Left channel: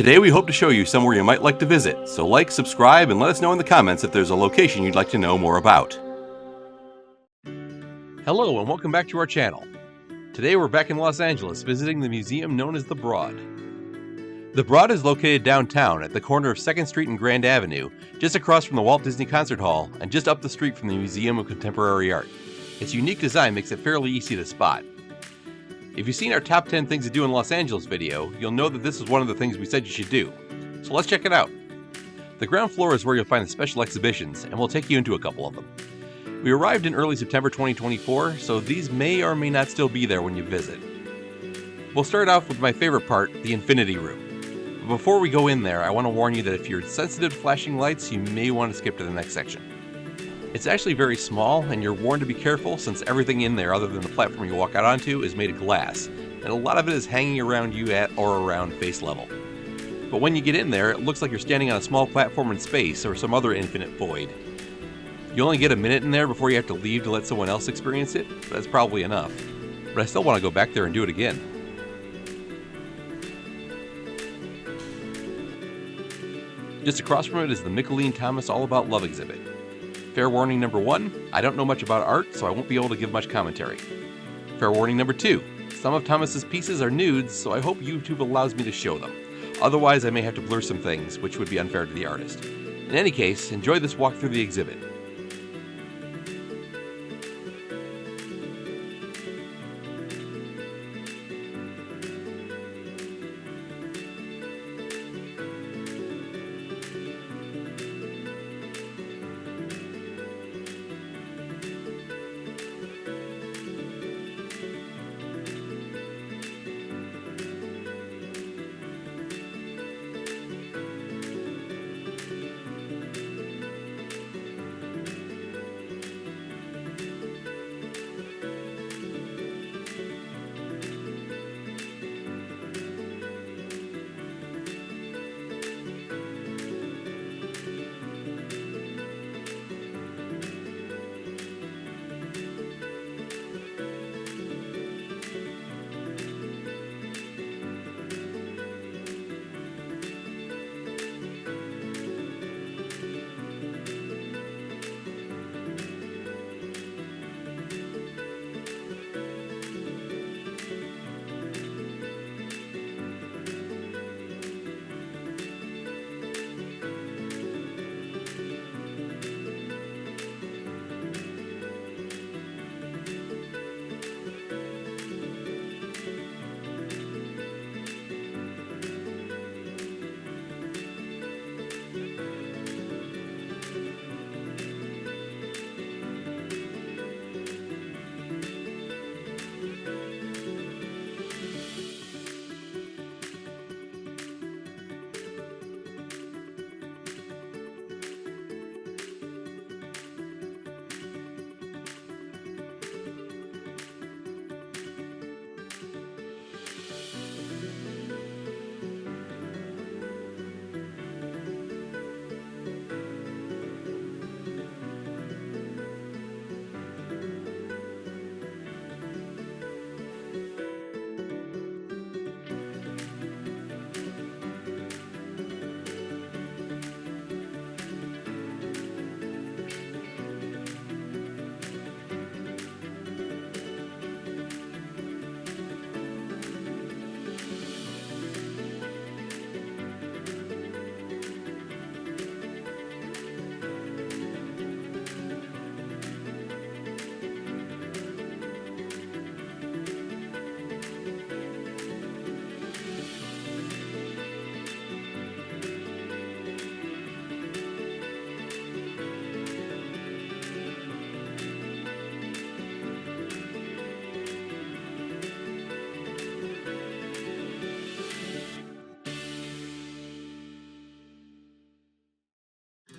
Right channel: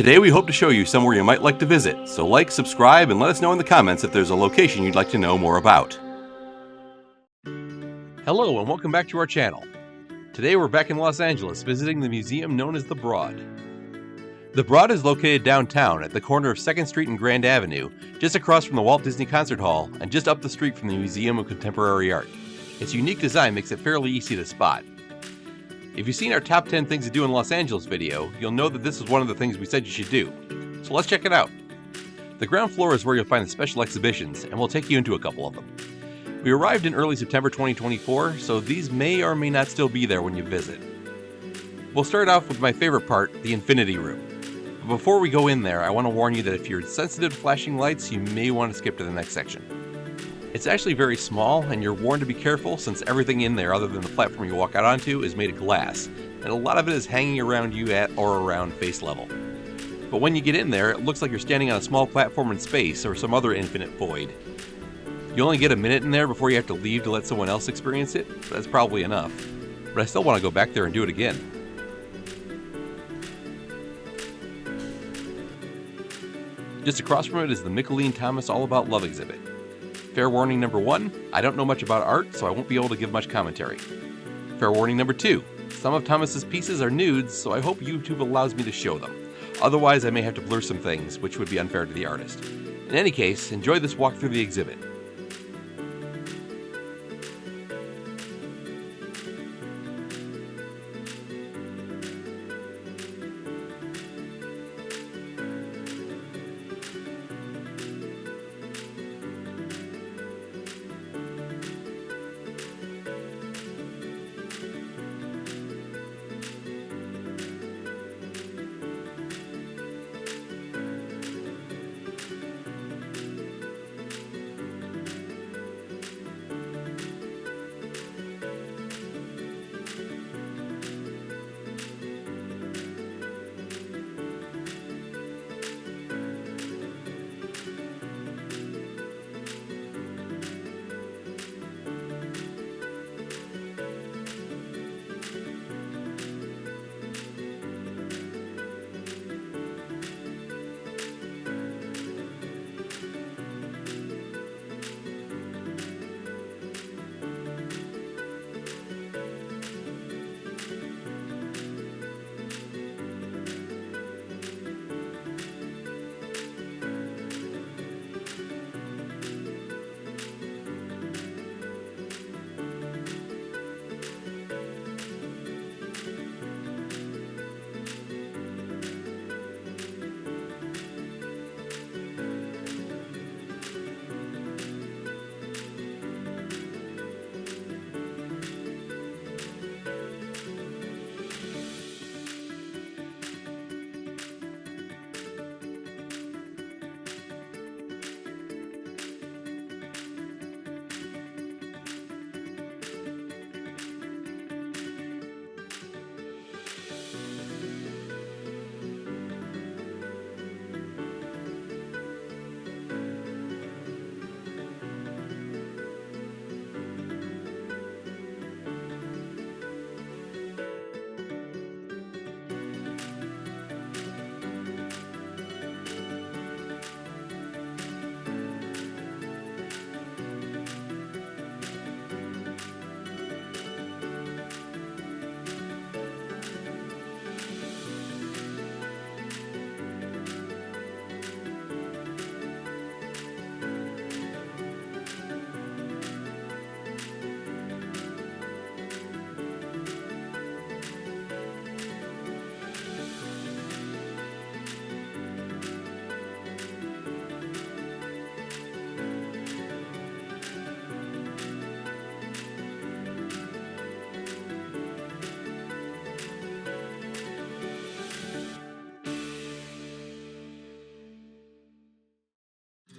Today we hope to show you somewhere you might like to visit, so like, subscribe, and let us know in the comments if there's a location you'd like to know more about. Hello and welcome back to our channel. Today we're back in Los Angeles visiting the museum known as The Broad. The Broad is located downtown at the corner of 2nd Street and Grand Avenue, just across from the Walt Disney Concert Hall and just up the street from the Museum of Contemporary Art. Its unique design makes it fairly easy to spot. If you've seen our top 10 things to do in Los Angeles video, you'll know that this is one of the things we said you should do. So let's check it out. The ground floor is where you'll find the special exhibitions, and we'll take you into a couple of them. We arrived in early September 2024, so these may or may not still be there when you visit. We'll start off with my favorite part, the Infinity Room. But before we go in there, I want to warn you that if you're sensitive to flashing lights, you may want to skip to the next section. It's actually very small, and you're warned to be careful since everything in there other than the platform you walk out onto is made of glass, and a lot of it is hanging around you at or around face level. But when you get in there, it looks like you're standing on a small platform in space or some other infinite void. You only get a minute in there before you have to leave to let someone else experience it, but that's probably enough. But I still want to go back there and do it again. Just across from it is the Mickalene Thomas All About Love exhibit. Fair warning number 1, I don't know much about art, so I won't be able to give much commentary. Fair warning number 2, some of Thomas's pieces are nudes, so I hope YouTube allows me to show them. Otherwise, I may have to blur some things, which would be unfair to the artist. In any case, enjoy this walk through the exhibit.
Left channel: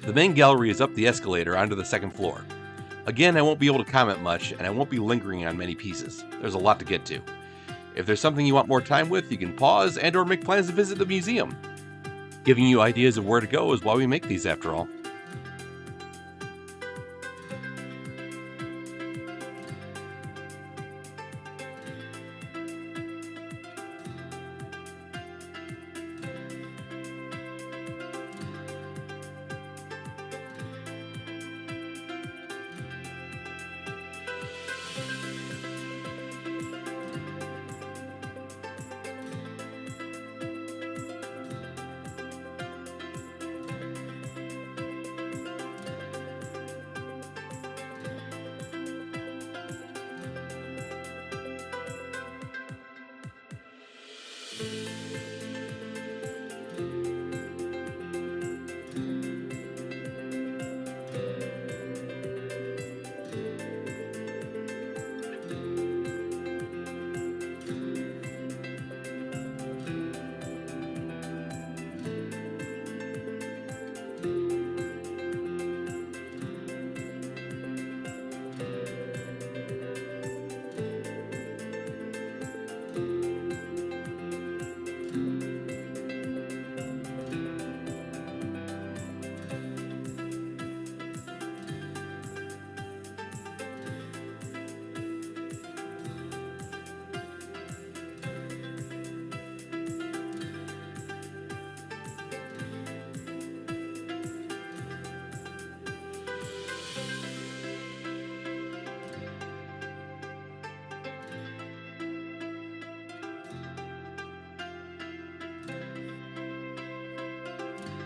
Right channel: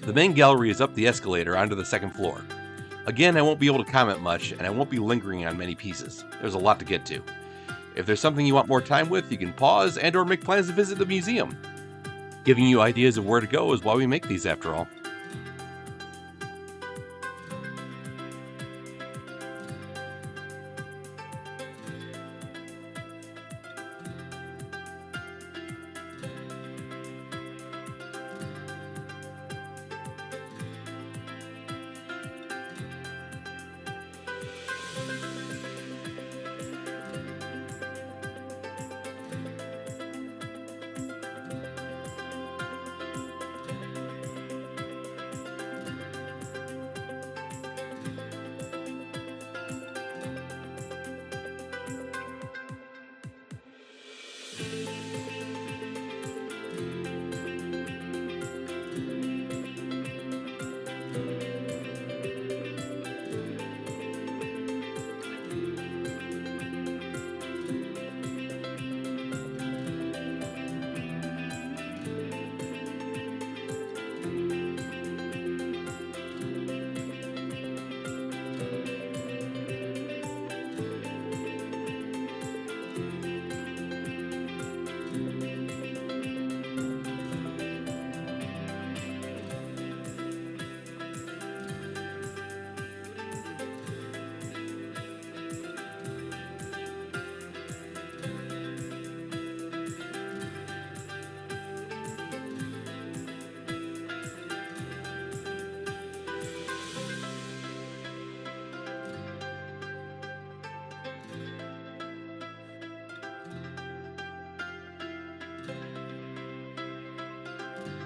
The main gallery is up the escalator onto the 2nd floor. Again, I won't be able to comment much, and I won't be lingering on many pieces. There's a lot to get to. If there's something you want more time with, you can pause and or make plans to visit the museum. Giving you ideas of where to go is why we make these after all.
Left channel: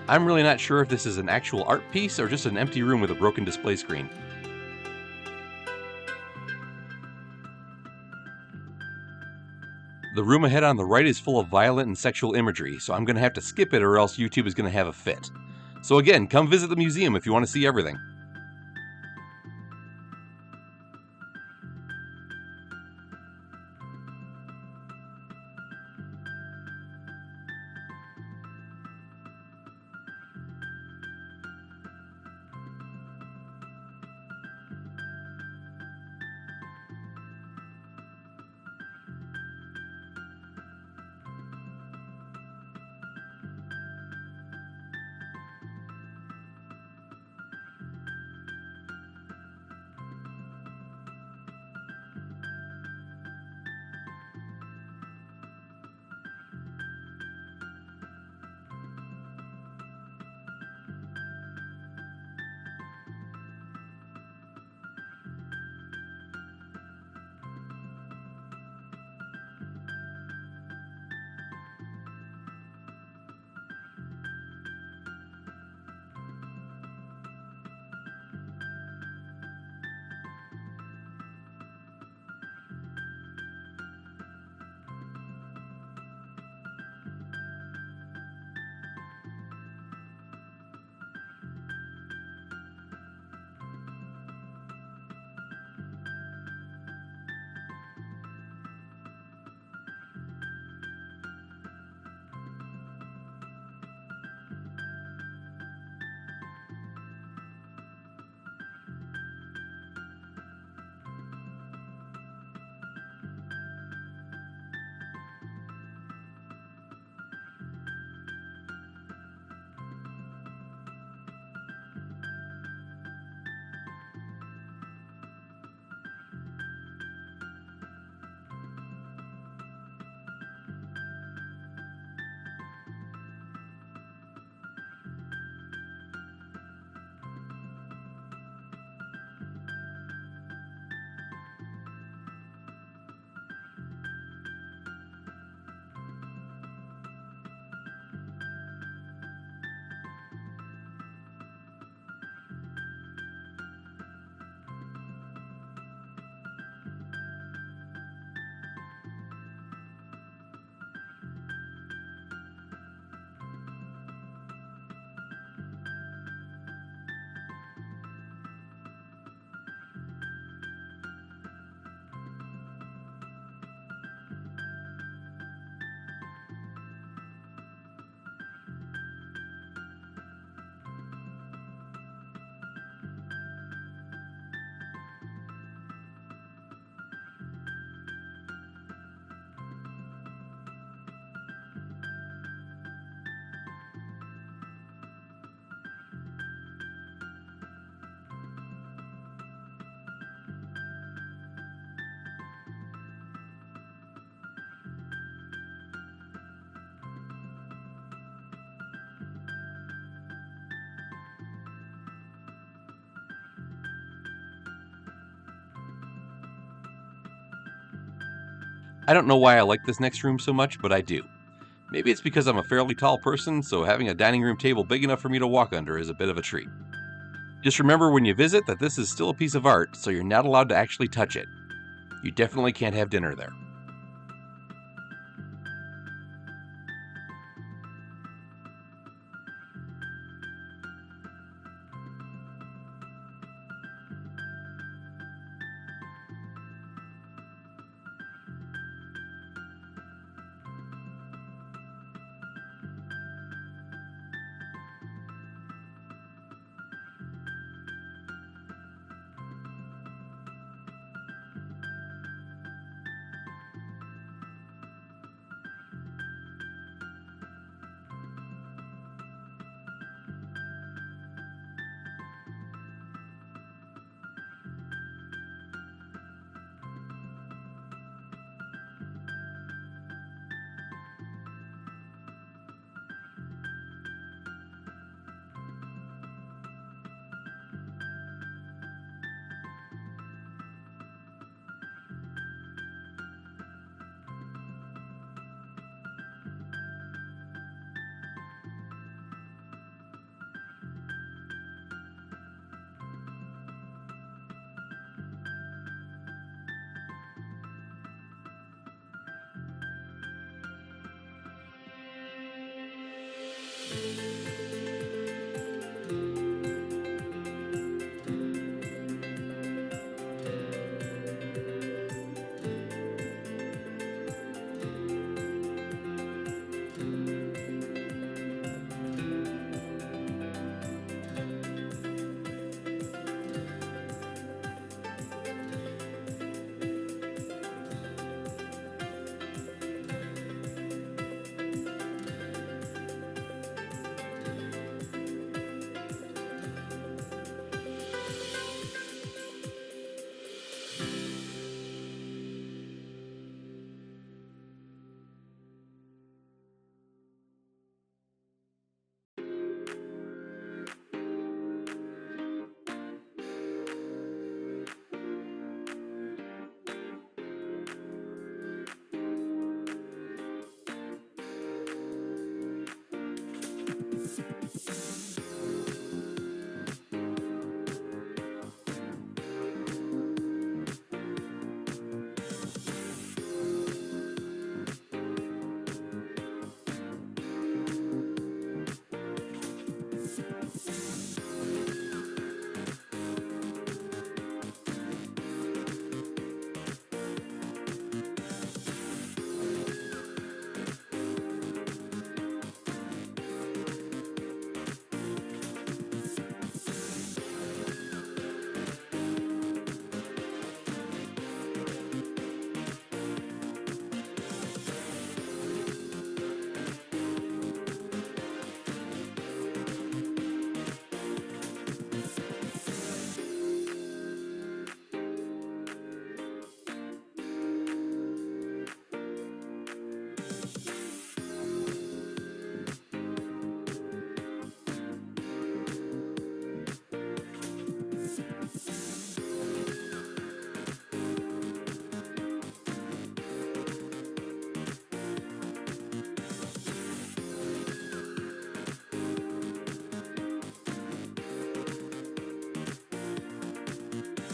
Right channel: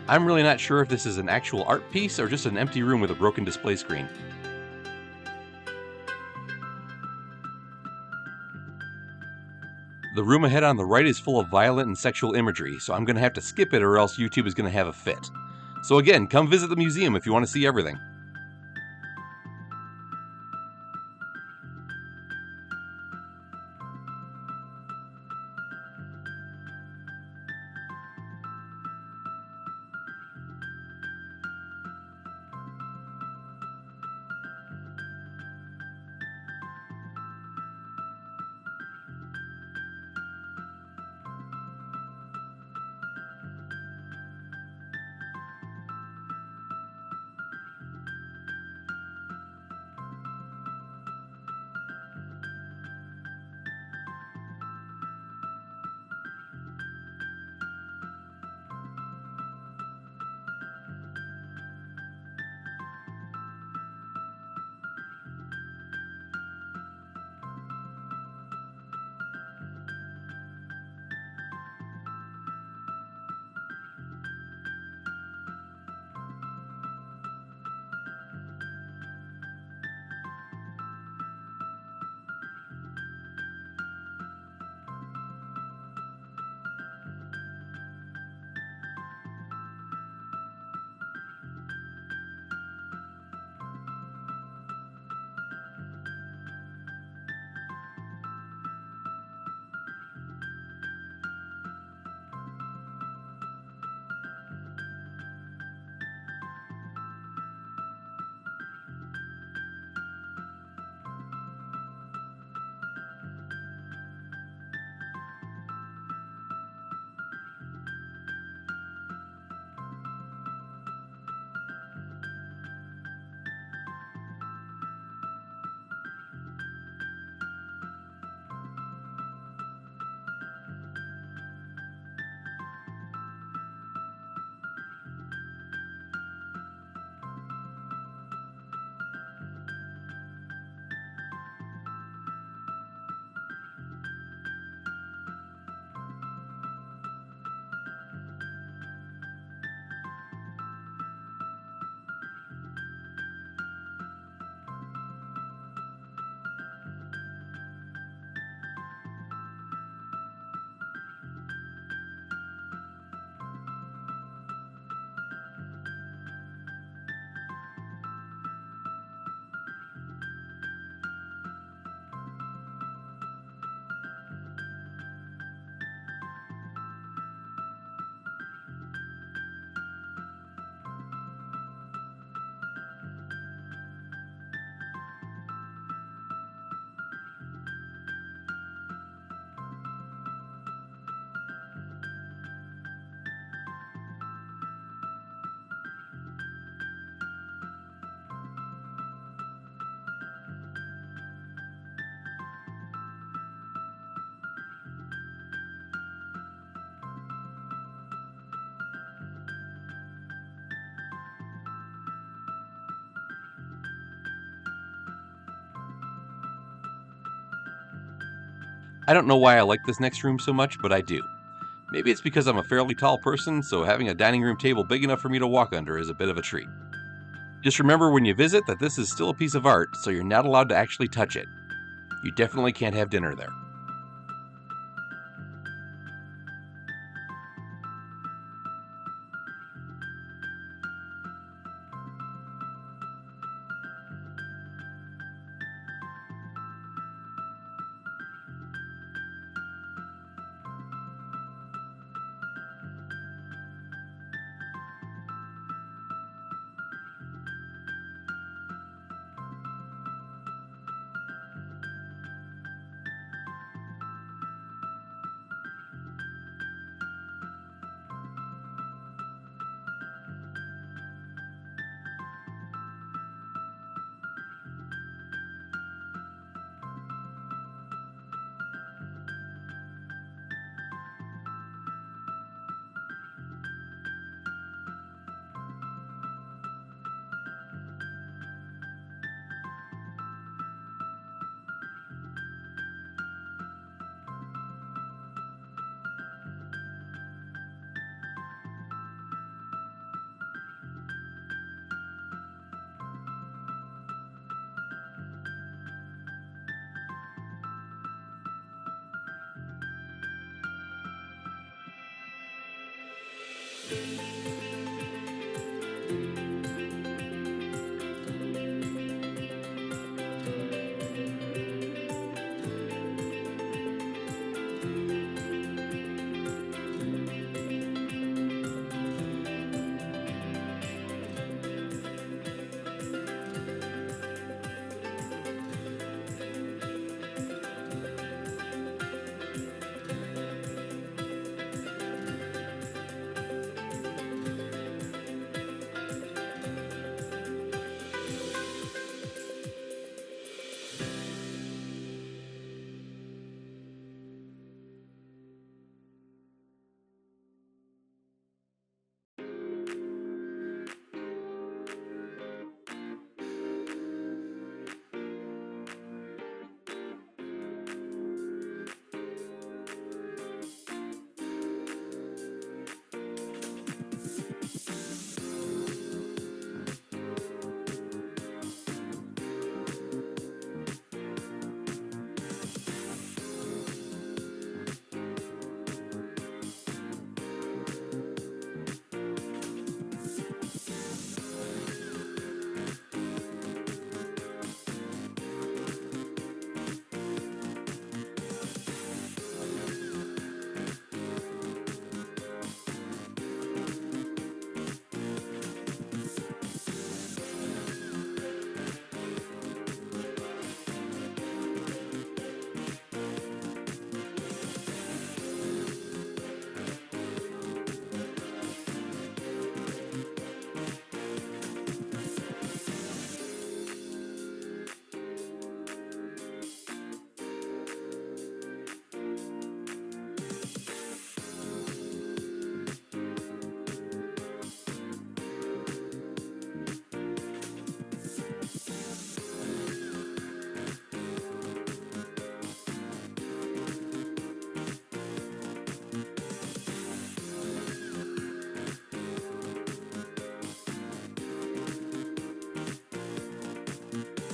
I'm really not sure if this is an actual art piece or just an empty room with a broken display screen. The room ahead on the right is full of violent and sexual imagery, so I'm going to have to skip it or else YouTube is going to have a fit. So again, come visit the museum if you want to see everything. I don't know why I like this next room so much, but I do. Maybe it's because I'm a fairly tall person, so having a dining room table big enough for me to walk under is a bit of a treat. Just remember when you visit that this is still a piece of art, so you're not allowed to actually touch it. You definitely can't have dinner there.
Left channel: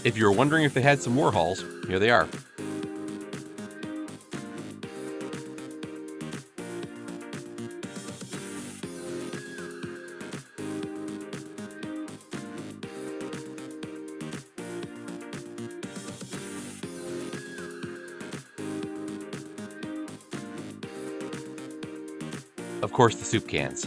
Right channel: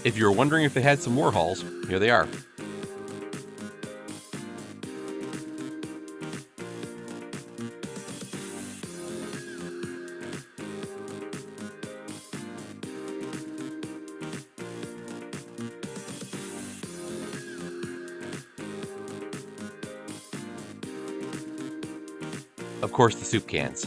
If you were wondering if they had some Warhols, here they are. Of course, the soup cans.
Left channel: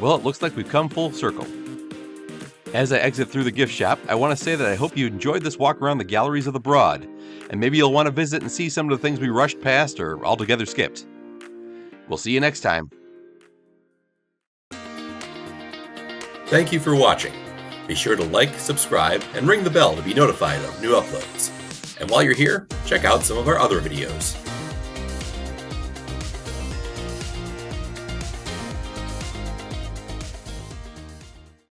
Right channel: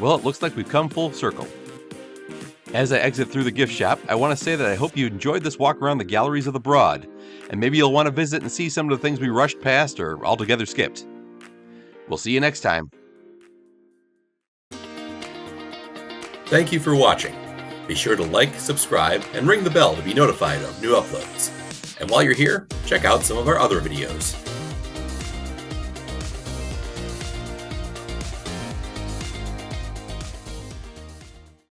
Well, it looks like we've come full circle. As I exit through the gift shop, I want to say that I hope you enjoyed this walk around the galleries of the Broad, and maybe you'll want to visit and see some of the things we rushed past or altogether skipped. We'll see you next time. Thank you for watching. Be sure to like, subscribe, and ring the bell to be notified of new uploads. And while you're here, check out some of our other videos.